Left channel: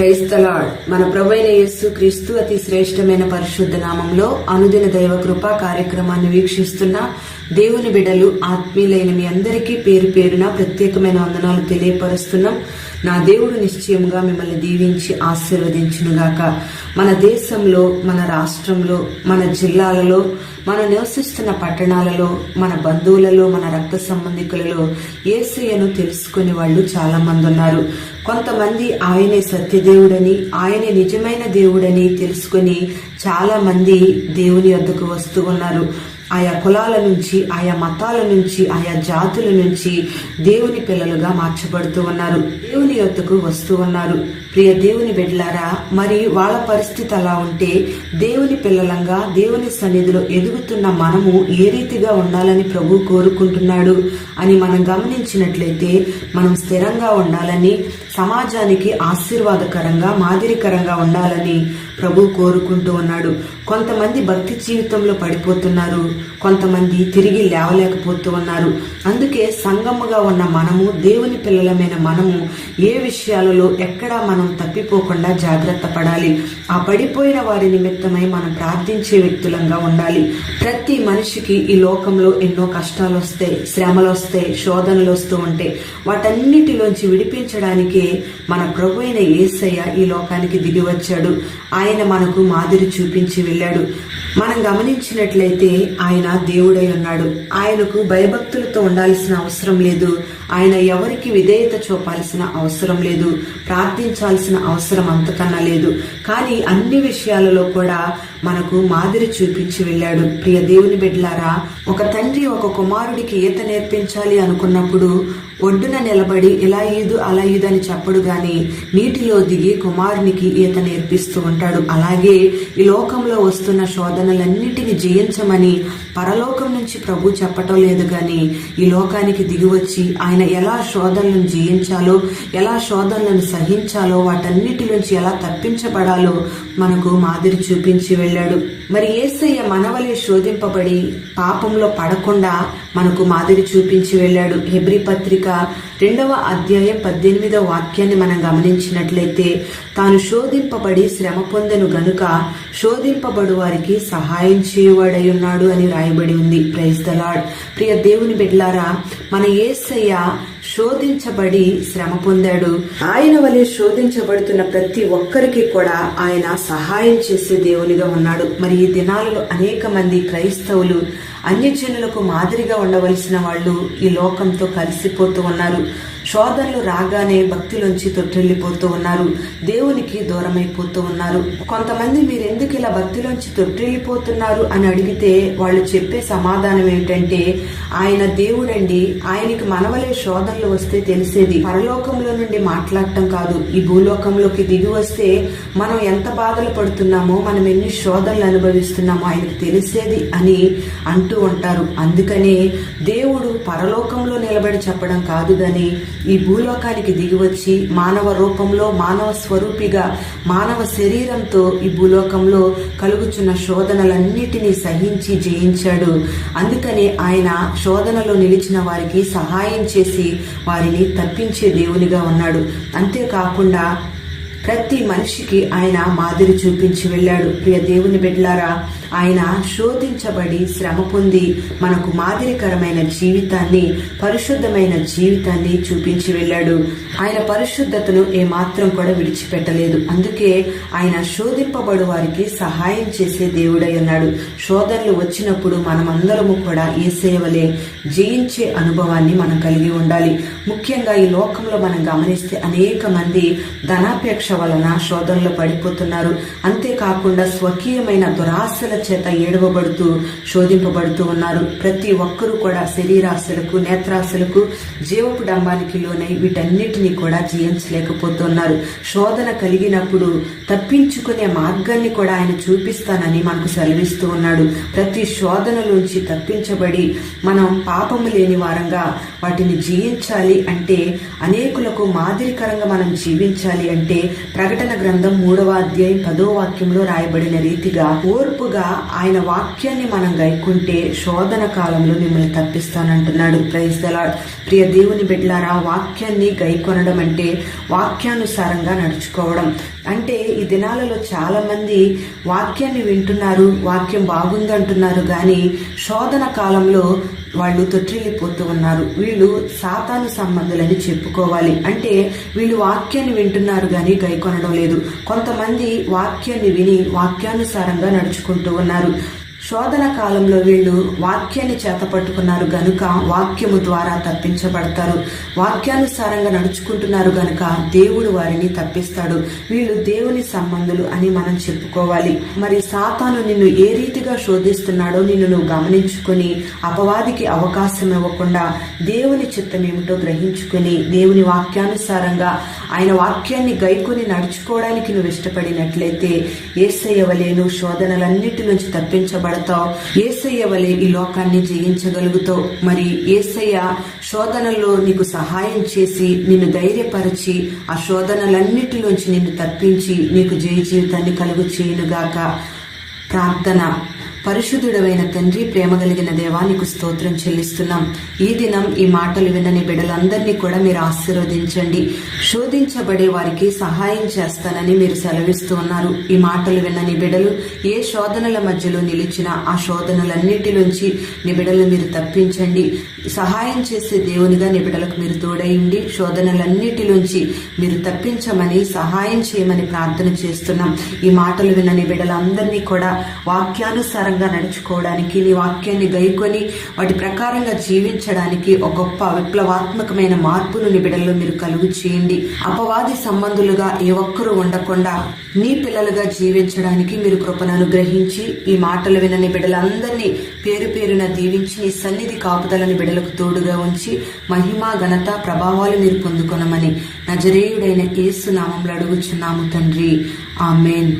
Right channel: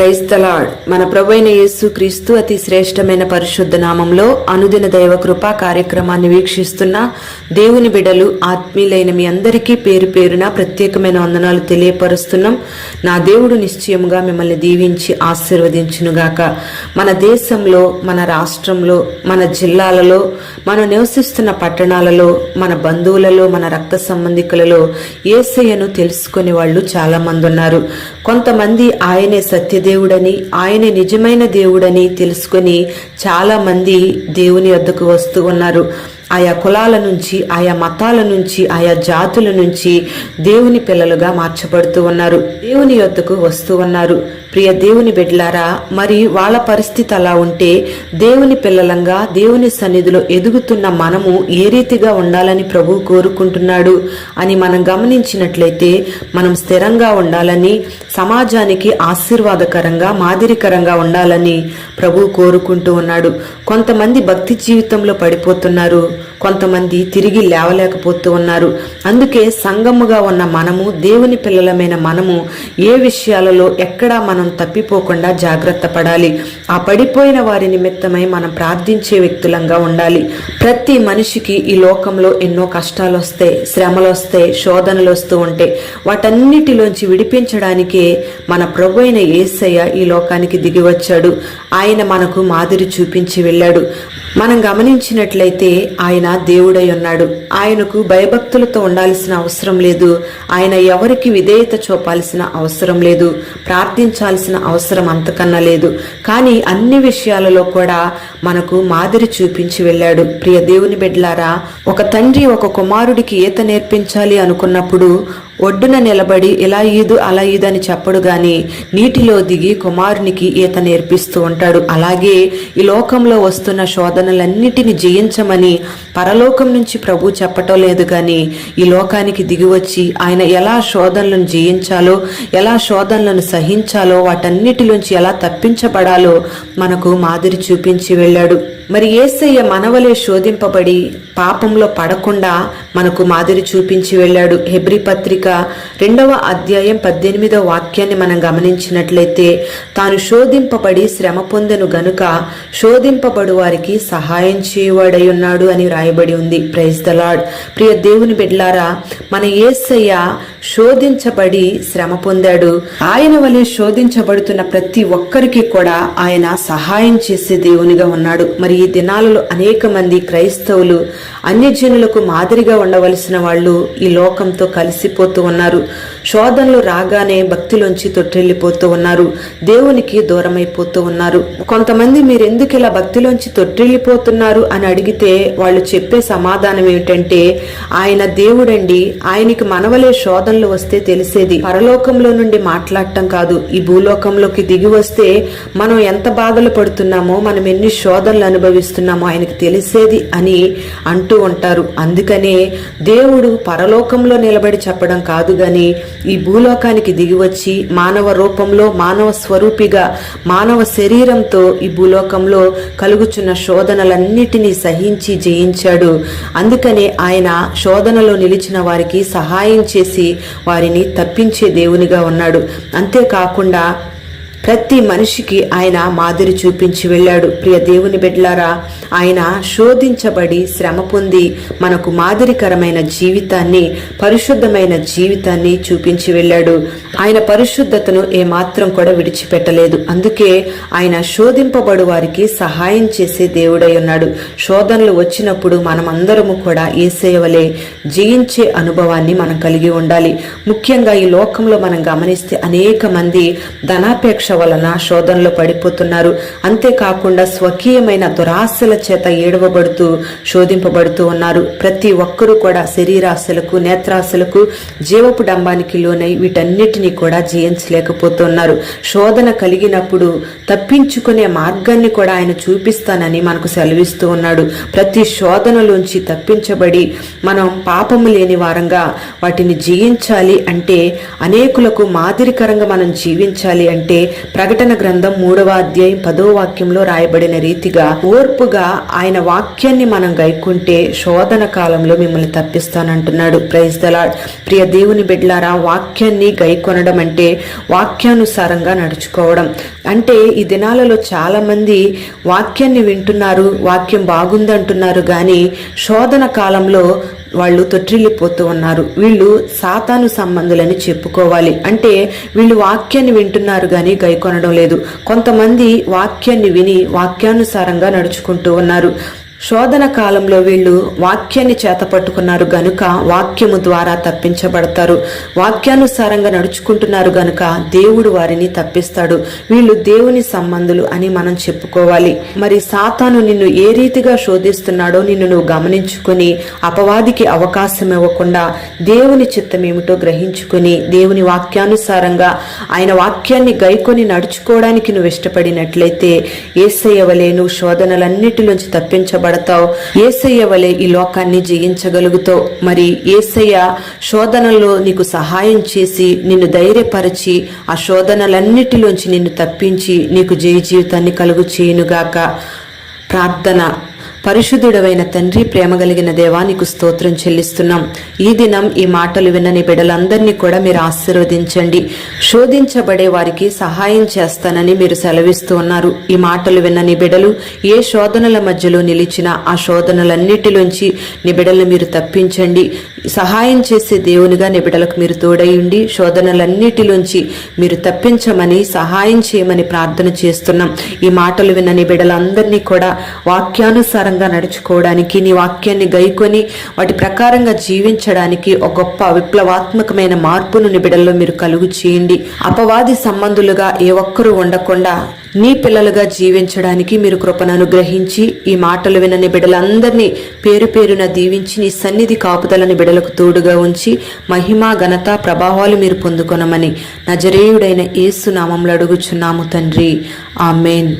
Praise the lord. మన ప్రభువైన యేసు క్రీస్తు అతి శ్రేష్టమైన పరిశుద్ధ నామంలో అనుదిన దైవ కృపా కార్యక్రమాన్ని వీక్షిస్తున్న దేవుని బిడ్డలు ఆత్మీయులైన మీ అందరికీ పేరు పేరున ప్రత్యేకమైన వందనాలు తెలియపరుస్తున్నాం. నా దేవుడు నిశ్చయముగా మిమ్మల్ని దీవించి ఆశీర్వదించునుగాక. మన దేశంలో, మన రాష్ట్రంలో, మన జిల్లాలలో, మనం నివసిస్తున్న పట్టణాలలో, మన బంధువులలో, మన రక్త సంబంధికులలో యేసయ్యను తెలుసుకునే వాళ్ళు చాలా మంది ఉన్నారు. కొంతమంది ఆయనే సత్యదేవుడని, ఆయనే నిజమైన దేవుడని తెలుసుకుని చాలా మంది దేవుని వద్దకు వస్తూ ఉన్నారు. ఆయా కులాల నుంచి, ఆయా మతాల నుంచి, ఆయా జాతుల నుంచి దేవుని పిల్లలుగా మార్చబడుతూ ఉన్నారు, దేవుని యొద్దకు వస్తూ ఉన్నారు. ప్రియ దేవుని బిడ్డలారా, మరి వాళ్ళ పరిస్థితి అలా ఉంటే దేవుని పిల్లలంగా దేవుని సన్నిధిలో ఎదుగుతున్న మనము ఏ రీతిగా ఉండాలని ప్రభు కోరుకుంటున్నాడు అని మనం గమనించినట్లయితే, మనం స్థిరంగా ఉండాలని, సమాజానికి ఆశీర్వాదకరంగా, మాదిరికరంగా ఉండాలని ప్రభు కోరుకుంటూ ఉన్నాడు. కొంతమంది భక్తి జీవితంలో పడిపోతున్నారు, కొంతమంది తిరిగి లేవలేకపోతూ ఉన్నారు. అందుకే సంఘముగా ఉన్న మనము, దేవుని పిల్లలమైన మనము ఏ విషయాలలో ఎక్కడా మనం తప్పిపోకుండా జాగ్రత్త పడాలి. ఆ పడిపోయిన వారి నిమిత్తమై మనం ప్రార్థించే వ్యక్తులంగా ఉండాలి. ప్రతి మనిషికి ఈ లోకంలో ఎన్నో కష్టాలు వస్తాయి, శ్రమలు వస్తాయి, శోధనలు వస్తూ ఉంటాయి. వాటన్నిటిలోంచి విడిపించడానికే మన ప్రభువైన యేసయ్య ఈ లోకానికి దిగి వచ్చాడు. ఆయన మనకు మాదిరి చూపించి వెళ్ళాడు. మనం గమనించినట్లయితే ఆయన దేవుడై ఉన్నాడు. ఆయనకు భయభక్తులతో ఉండాల్సిన అవసరం లేదు. ఆయన ఎవరికి విధేయత చూపాల్సిన అవసరం లేదు, ప్రార్థించాల్సిన అవసరం అంతకన్నా లేదు. కానీ అన్ని విషయాలలో కూడా మనకు మాదిరి చూపించి వెళ్ళాడు. ప్రియ దేవుని బిడ్డలారా, ఒక తండ్రి ఒక కుమారుడికి ఈత నేర్పించాలి అనుకున్నప్పుడు ఒడ్డున నిలబడి ఇలా ఈదు అలా ఈదు అని చెప్పడు గాని నీటిలో దిగి కుమారునికి ఈత నేర్పిస్తూ ఉంటాడు. అలాగే ఈ లోకంలో వస్తున్న శోధనలన్నిటిని జయించమని పరలోకం నుంచి ప్రభు చెప్పటం లేదు గాని ఈ లోకానికి దిగి వచ్చి ఆయన ఎలా శోధనలను జయించాలో, ఎలా శోధనలను సహించాలో, వాటన్నిటిలోంచి ఎలా తప్పించబడాలో మనకు మాదిరి చూపించి వెళ్ళాడు. మరి యేసయ్య మనవలే శోధింపబడి పాపంలో పడకుండా మనకు మాదిరి చూపించి వెళ్ళాడు. హెబ్రీ పత్రిక 2వ అధ్యాయం 18వ వాక్యాన్ని మనం గమనించినట్లయితే, తాను శోధింపబడి శ్రమ పొందెను గనుక శోధింపబడు వారికి సహాయం చేయవాడై ఉన్నాడు అని రాయబడి ఉంది. Praise the lord. ప్రియ దేవుని బిడ్డలారా, మన యేసయ్య శోధించబడి శ్రమ పొందాడు. ఆయన వలె శోధించబడుతున్న ప్రతి ఒక్కరికి కూడా ఆయన సహాయం చేసే దేవునిగా ఉన్నాడు. మరి ఈ దినాలలో అనేక మంది క్రైస్తవులు అన్యజనులకు మాదిరిగా ఉండవలసిన వాళ్ళు ఈ లోకంతో కలిసిపోతూ ఉన్నారు. శోధనలు రాగానే భక్తిలోంచి తొట్టిల్లిపోతూ ఉన్నారు, దేవునికి దూరమైపోతూ ఉన్నారు. కొంతమంది మీరు ఎందుకు ఇలా భక్తిలోంచి తొట్టిల్లిపోతున్నారు అని అడిగితే వాళ్ళు చెప్పే సమాధానం ఏమిటంటే, ఆయన దేవుడండి, ఆయనకి మనవలే శోధనలు వస్తే తెలిసేది. పరలోకంలో నుండి మాట్లాడటం కాదు, ఈ భూలోకంలోకి దిగి వస్తే మనం ఎంత బాధలు పడుతున్నామో, మనం ఎన్ని శోధనలు అనుభవిస్తున్నామో ఆయనకి తెలిసేది అని అంటూ ఉంటారు. అందుకనే దేవుడు పరలోకంలో నిలబడి చెప్పడం కాదు గాని ఈ భూలోకానికి దిగి వచ్చి మానవ రూపంలో, మానవ స్వరూపిగా, మానవ శరీరంతో ఈ భూలోకంలో కలుగుచున్న శోధనలన్నిటినీ సహించి జయించాడు. అందుకనే ఆయన శోధనలో నిలిచిన వారికి సహాయం చేసి వారిని తప్పించే దేవునిగా ఉన్నాడు. అంతేకాకుండా ప్రతి మనిషికి ఆయన మాదిరి చూపించి వెళ్ళాడు. ప్రియ దేవుని బిడ్డలారా, ఆయన శోధించబడి శ్రమ పొంది మనకు మాదిరికరమైన జీవితాన్ని, పరిశుద్ధమైన జీవితాన్ని చూపించి వెళ్ళాడు. ఆయన పరిశుద్ధతను ఏమాత్రం కూడా విడిచిపెట్టలేదు. అందుకే ఆయన శోధింపబడు వారికి సహాయం చేసే దేవుడై ఉన్నాడు. శోధనలు వచ్చినప్పుడు మనం అందరము కూడా యేసయ్య వలె జయించే అనుభవాన్ని మనం కలిగి ఉండాలి. ముఖ్యంగా ఈ లోకంలో మనం గమనిస్తే అనేక మంది ధనాపేక్ష వలన శోధనలో పడిపోతున్నారు. అంతేకాకుండా స్వకీయమైన దురాశల చేత ఏడవబడుతూ శోధింపబడుతూ ఉన్నారు. ప్రతి ఒక్కరూ కూడా శరీరాశలకు, నేత్రాశలకు, జీవపు డంబానికి లోనై వీటన్నిటినీ కూడా జయించలేకపోతున్నారు. శోధన కలిగినప్పుడు తప్పించుకునే మార్గాన్ని కూడా ఆయన చూపిస్తానని మనకు సెలవిస్తూ ఉన్నాడు. ప్రతి శోధనలోంచి తప్పించబడి మనం పాపము లేని వారంగా వాటిని జయించాలి అంటే, అనేకులకు మాదిరికరంగా మనం జీవించాలి అంటే ప్రకటన గ్రంథం 3వ అధ్యాయం 10వ వాక్యంలో రాయబడిన రీతిగా ఓర్పుగా ఆయన వాక్యాన్ని మనం గైకుంటే శోధన కాలంలో మిమ్మల్ని తప్పిస్తానంటున్నాడు. Praise the lord. ప్రియ దేవుని బిడ్డలారా, వాక్యాన్ని గైకొనడం అంటే వాక్యానుసారంగా నడుచుకోవడం. అంటే ఈ దినాలలో చాలా మంది వాక్యాన్ని వింటున్నారు, వాక్యం బాగుందంటున్నారు, కానీ శోధన కాలంలో వాళ్ళు తొట్టిల్లిపోతూ ఉన్నారు. వీళ్ళు సాతాను సంబంధులని చెప్పుకోవాలి. అంటే వీళ్ళు వాక్యాన్ని వింటున్నారు కానీ గైకొనడం లేదు. కొంతమంది వాక్యాన్ని విని వాక్యానుసారంగా నడుచుకుంటూ ఉన్నారు. శోధన కాలంలో వీళ్ళు వాక్యాన్ని చేతపట్టుకున్నారు గనుక వాక్యము ద్వారా తప్పించబడతారు. వాక్యానుసారంగా నడుచుకుంటున్నారు గనుక దేవుడు వారిని తప్పిస్తాడు. వీళ్ళు దేవుని సంబంధులు అని మనం చెప్పుకోవాలి. మరి సాతాను నిన్ను ఏ రీతిగా శోధిస్తున్నాడో నిన్ను నువ్వు గమనించుకుని అపవాదికి అవకాశం ఇవ్వకుండా దేవుని చిత్తం ఏమిటో గ్రహించుకుని దేవుని వాక్యానుసారంగా ఆయన వాక్యాన్ని గైకొని నడుచుకోవడానికి నువ్వు ఇష్టపడినట్లయితే యేసయ్య వలె నువ్వు శోధనలన్నిటిలోంచి తప్పించబడతావు. యేసయ్య వలె ఈ లోకాన్ని జయించగలుగుతావు. మరి యేసయ్య శోధనలో నీకు సహాయం చేసి నిన్ను ధైర్యపరిచి ఆ శోధనలన్నిటిలోంచి నిన్ను తప్పించి నీకు జయ జీవితాన్ని కలుగు చేయునుగాక. ప్రార్థన. పరిశుద్ధుడవైన తండ్రి, ప్రేమ కలిగిన దేవా, నీకు స్తోత్రం చెల్లిస్తున్నాం. ఈ దినం ఈ మాటలు వినని బిడ్డలందరినీ కూడా మీరు ఆశీర్వదించండి. శోధించబడే వారికి సహాయం చేస్తానని మీరు సెలవిస్తూ ఉన్నారు. ఈ మాటలు విన్నని బిడ్డలు ఏ శోధనల మధ్యలో నిలిచినా ఆ శోధనలన్నిటిలోంచి నీ బిడ్డలు మీరు తప్పించండి. సహాయం చేసే దేవునిగా నీ బిడ్డలకు మీరు తోడై ఉండి శోధనలన్నిటిలోంచి మీరు తప్పించమని సహాయం చేయమని ప్రార్థన చేస్తున్నాం. ఈ మాటలు విన్నని బిడ్డలందరినీ కూడా వాక్యానుసారం నడుచుకోవడానికి, నీ వాక్యాన్ని గైకొని వాటి ప్రకారంగా జీవించడానికి ఒక గొప్ప విప్లవాత్మకమైన మార్పును నీ బిడ్డల్లో మీరు కలుగు చేయండి. అపవాది సంబంధులుగా ఏ ఒక్కరూ ఉండకుండా నీ పిల్లలుగా జీవించడానికి మీరు కృపను అనుగ్రహించి ఈ మాటలు వినని బిడ్డలందరినీ పేరు పేరున దీవించి నీ సన్నిధి కాపుదలని బిడ్డలకు తోడుగా ఉంచి మహిమ, ఘనత, ప్రభావాలు మీరు పొందుకొనమని నజరేయుడైన యేసు నామములో అడుగుచున్నాము తండ్రి. ఆమేన్.